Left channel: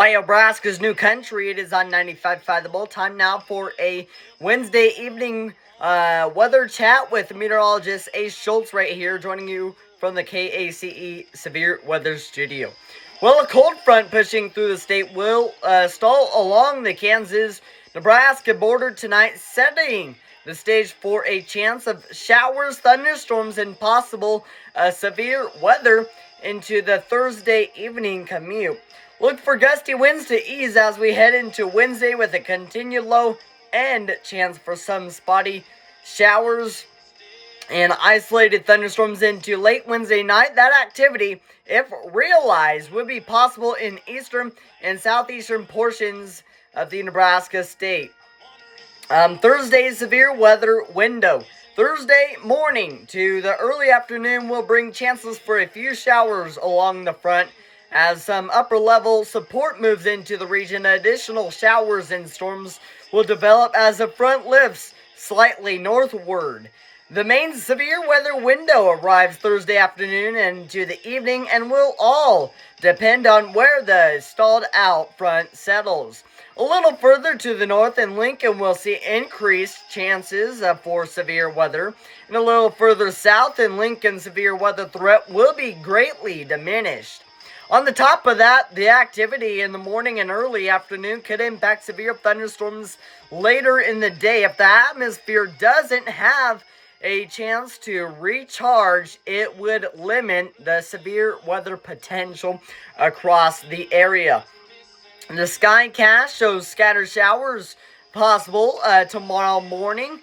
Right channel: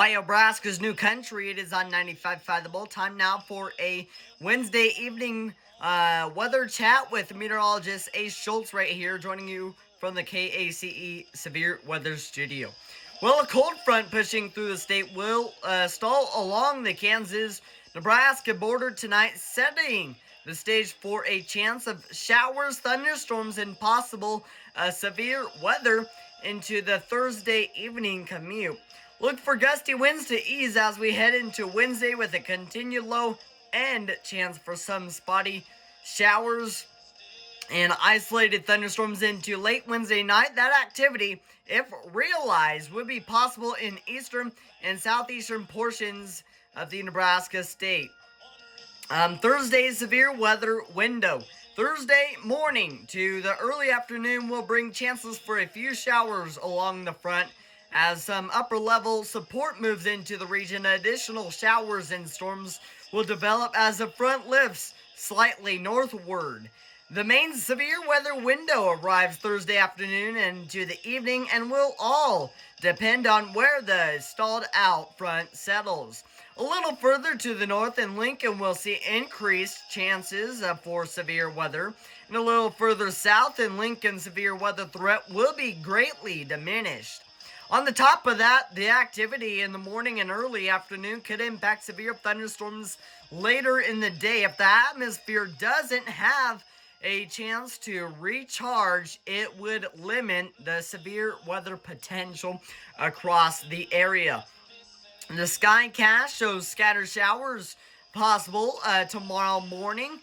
By Nebraska's new country, it is on 95.5 The Bull. Time now for a Wednesday evening weather chat with meteorologist Schultz right here, joining you from the KACE Severe Weather Studio. Well, a cold front pushing through the state will stall along the Kansas-Nebraska border tonight, setting the stage for a chance of showers, thunderstorms, and possible severe weather into the Thursday evening commute. Look for gusty winds to ease as we head into Wednesday with a continued low and chance for some spotty showers and isolated thunderstorms into late Wednesday night. That activity, if realized, would be possible in eastern and southeastern portions of the Nebraska state. Thursday's severe weather window. Thursday morning to the early afternoon will bring chances for a few showers along the front. As some upper-level support moves into the region, additional showers and storms will develop as the front lifts slightly northward. The main severe weather window arrives Thursday afternoon and to the evening and will all depend on where the stalled-out front settles. A little further to the north in Lincoln, we'll see increased chances for severe weather. And a little further south in Lincoln, severe weather threat will be greatly diminished. On the top of that, the activity in the morning and early afternoon could impact severe thunderstorms later in the day. If the atmosphere doesn't have a chance to recharge, it would limit the severe weather potential across the area. The skycast shows scattered showers possible tomorrow morning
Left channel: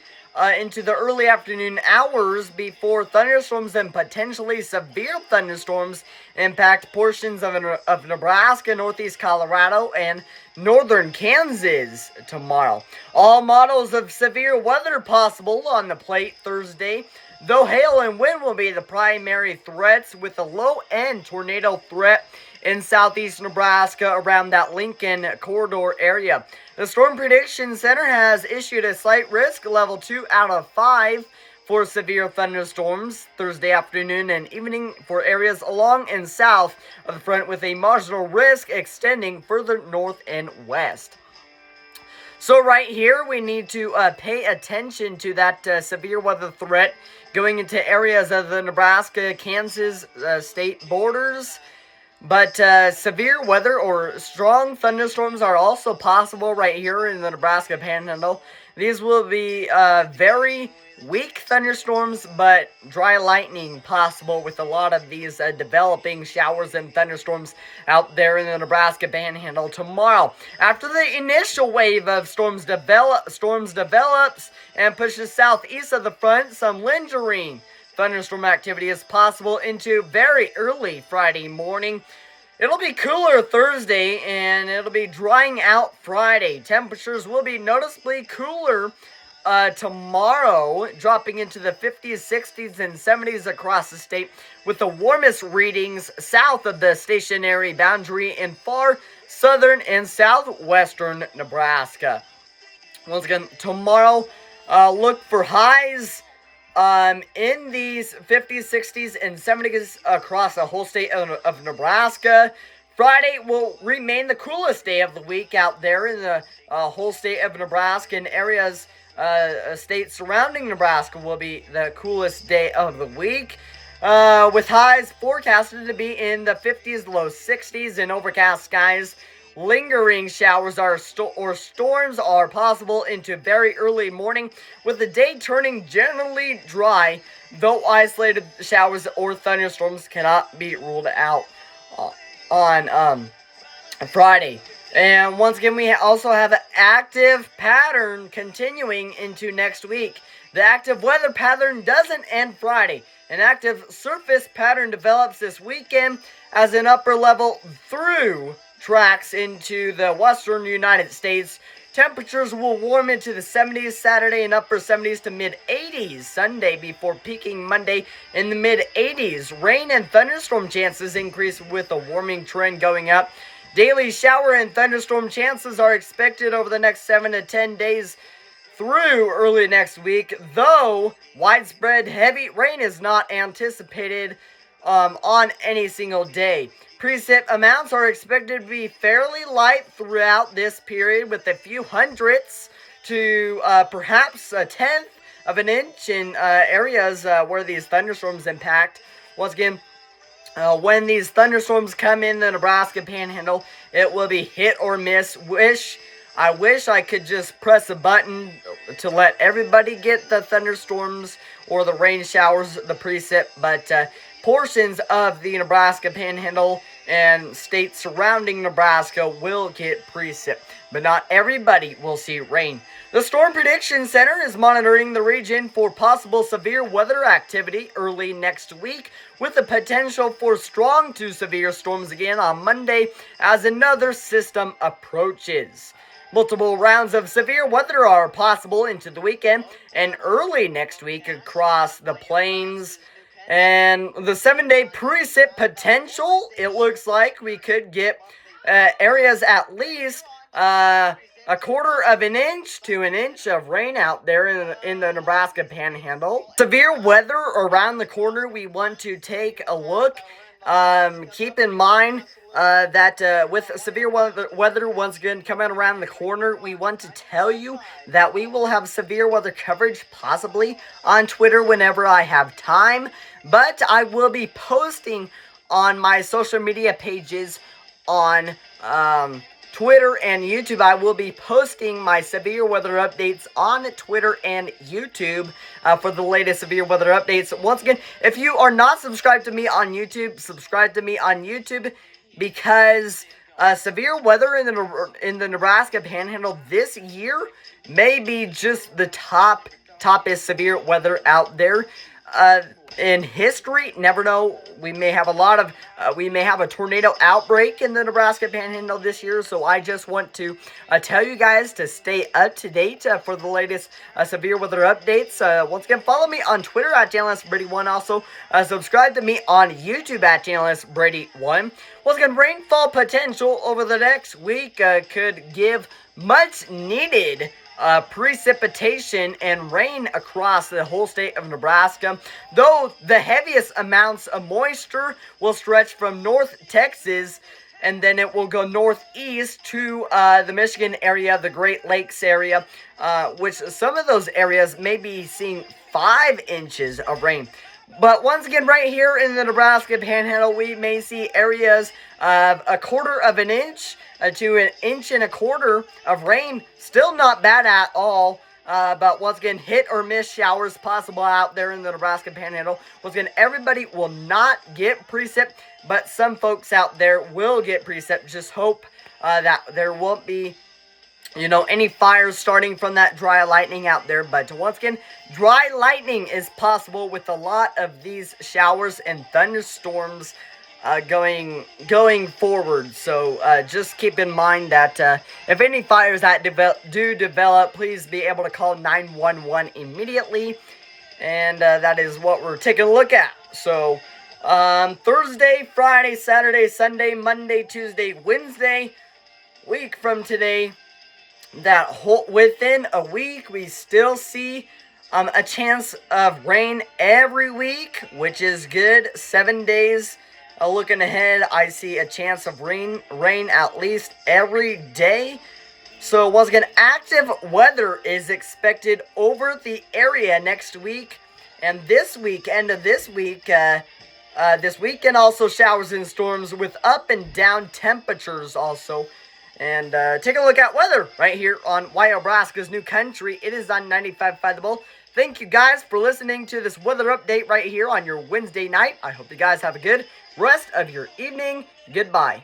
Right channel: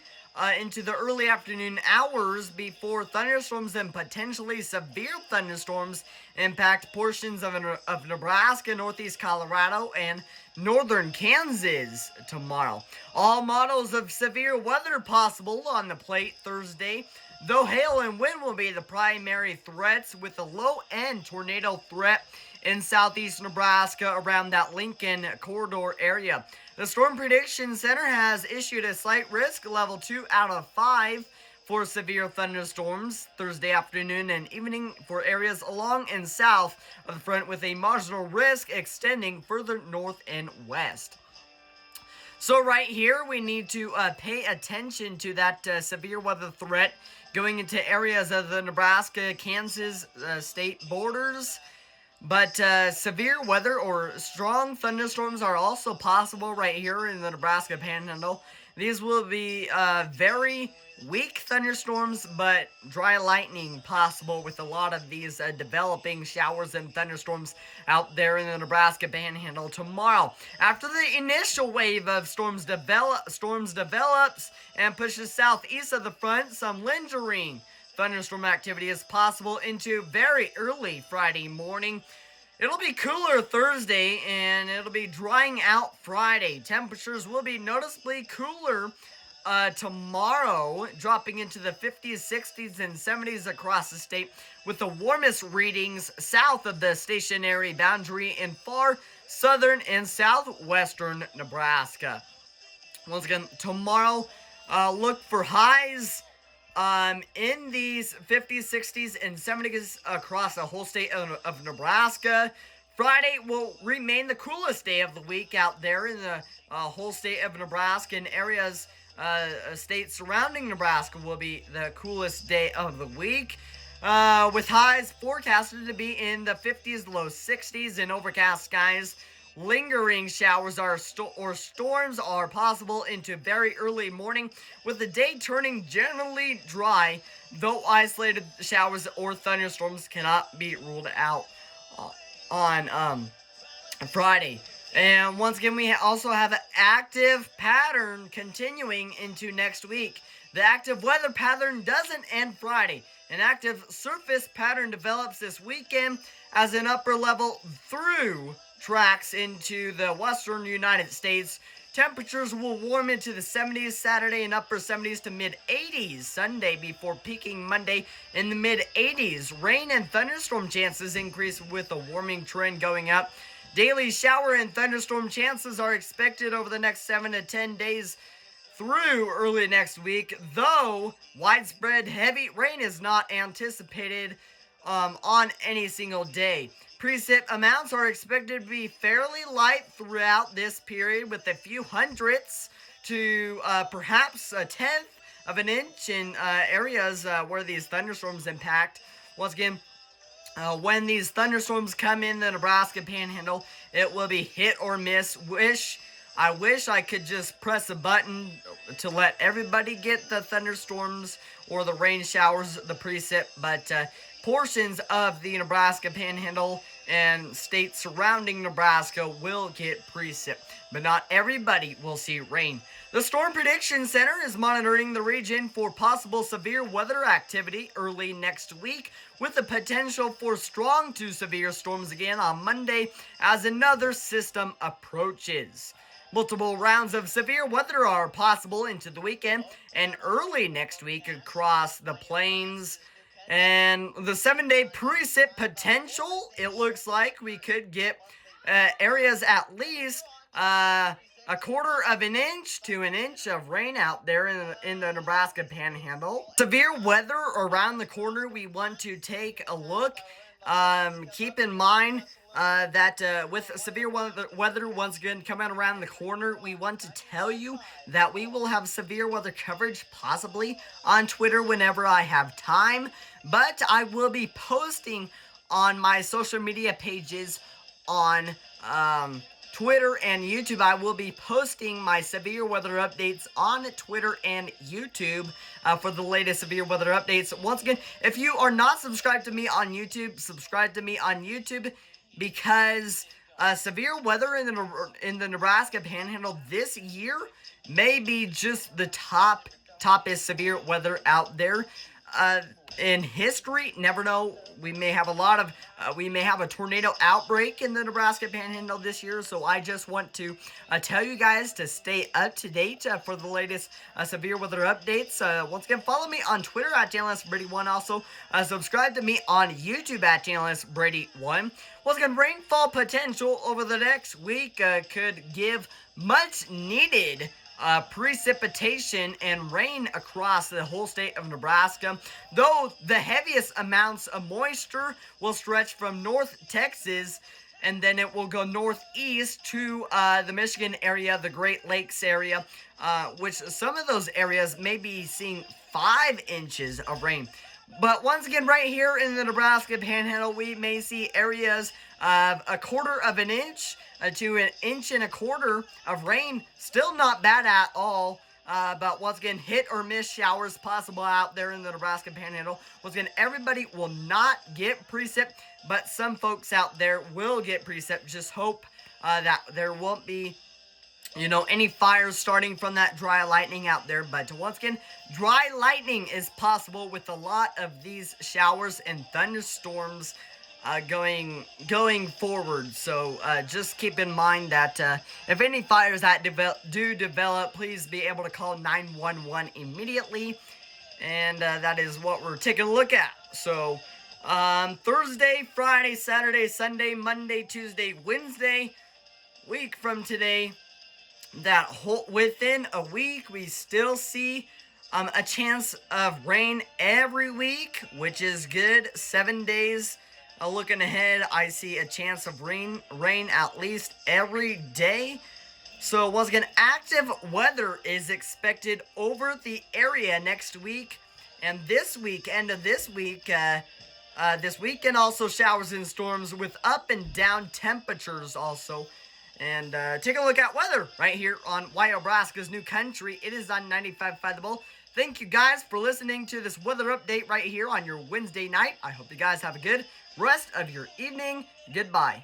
into the early afternoon hours before thunderstorms and potentially severe thunderstorms impact portions of Nebraska, northeast Colorado, and northern Kansas tomorrow. All models of severe weather possible on the plate Thursday, though hail and wind will be the primary threats, with a low-end tornado threat in southeast Nebraska around that Lincoln corridor area. The Storm Prediction Center has issued a slight risk level 2 out of 5 for severe thunderstorms Thursday afternoon and evening for areas along and south of the front, with a marginal risk extending further north and west. So right here, we need to pay attention to that severe weather threat going into areas of the Nebraska-Kansas state borders. But severe weather or strong thunderstorms are also possible right here in the Nebraska Panhandle. These will be very weak thunderstorms, but dry lightning possible with a lot of these developing showers and thunderstorms out there in the Nebraska Panhandle tomorrow. After the initial wave of storms develops and pushes southeast of the front, some lingering thunderstorm activity is possible into very early Friday morning. It'll be cooler Thursday, and it'll be drying out Friday. Temperatures will be noticeably cooler tomorrow, dropping into the 50s, 60s, and 70s across the state, with the warmest readings south of the stationary boundary in far southern and southwestern Nebraska. Once again, tomorrow, look for highs in these 50s, 60s, and 70s across the whole state of Nebraska. Friday will remain the coolest day of the week out there in the whole state of Nebraska, and areas, states surrounding Nebraska will be the coolest day of the week, with highs forecasted to be in the 50s, low 60s, and overcast skies. Lingering showers or storms are possible into very early morning, with the day turning generally dry, though isolated showers or thunderstorms cannot be ruled out on Friday. And once again, we also have an active pattern continuing into next week. The active weather pattern doesn't end Friday. An active surface pattern develops this weekend as an upper level through tracks into the western United States. Temperatures will warm into the 70s Saturday and upper 70s to mid-80s Sunday before peaking Monday in the mid-80s. Rain and thunderstorm chances increase with a warming trend going up. Daily shower and thunderstorm chances are expected over the next 7 to 10 days through early next week, though widespread heavy rain is not anticipated on any single day. Precip amounts are expected to be fairly light throughout this period, with a few hundredths to perhaps a tenth of an inch in areas where these thunderstorms impact. Once again, when these thunderstorms come in the Nebraska Panhandle, it will be hit or miss. I wish I could just press a button to let everybody get the thunderstorms or the rain showers, the precip, but portions of the Nebraska Panhandle and states surrounding Nebraska will get precip, but not everybody will see rain. The Storm Prediction Center is monitoring the region for possible severe weather activity early next week, with the potential for strong to severe storms again on Monday as another system approaches. Multiple rounds of severe weather are possible into the weekend and early next week across the plains. And the 7-day precip potential, it looks like we could get areas at least a quarter of an inch to an inch of rain out there in the Nebraska Panhandle. Severe weather around the corner, we want to take a look. Keep in mind that with severe weather once again coming around the corner, we want to tell you that we will have severe weather coverage possibly on Twitter whenever I have time, but I will be posting on my social media pages on Twitter and YouTube. I will be posting my severe weather updates on Twitter and YouTube for the latest severe weather updates. Once again, if you are not subscribed to me on YouTube, subscribe to me on YouTube, because severe weather in the Nebraska Panhandle this year may be just the toppest severe weather out there in history. Never know. We may have a tornado outbreak in the Nebraska Panhandle this year. So I just want to tell you guys to stay up to date for the latest severe weather updates. Once again, follow me on Twitter at JournalistBrady1. Also, subscribe to me on YouTube at JournalistBrady1. Once again, rainfall potential over the next week could give much needed precipitation and rain across the whole state of Nebraska, though the heaviest amounts of moisture will stretch from North Texas, and then it will go northeast to the Michigan area, the Great Lakes area, which some of those areas may be seeing 5 inches of rain. But once again, right here in the Nebraska Panhandle, we may see areas of a quarter of an inch to an inch and a quarter of rain. Still not bad at all. But once again, hit or miss showers possible out there in the Nebraska Panhandle. Once again, everybody will not get precip, but some folks out there will get precip. Just hope that there won't be any fires starting from that dry lightning out there. But once again, dry lightning is possible with a lot of these showers and thunderstorms going forward. So just keep in mind that if any fires that do develop, please be able to call 911 immediately. And that is what we're taking a look at. So Thursday, Friday, Saturday, Sunday, Monday, Tuesday, Wednesday, week from today, within a week, we still see a chance of rain every week, which is good. 7 days looking ahead, I see a chance of rain at least every day. So once again, active weather is expected over the area next week and this week, end of this week. This weekend also showers and storms with up and down temperatures also. And take a look at weather right here on Nebraska's New Country. It is on 95.5 The Bull. Thank you guys for listening to this weather update right here on your Wednesday night. I hope you guys have a good rest of your evening. Goodbye.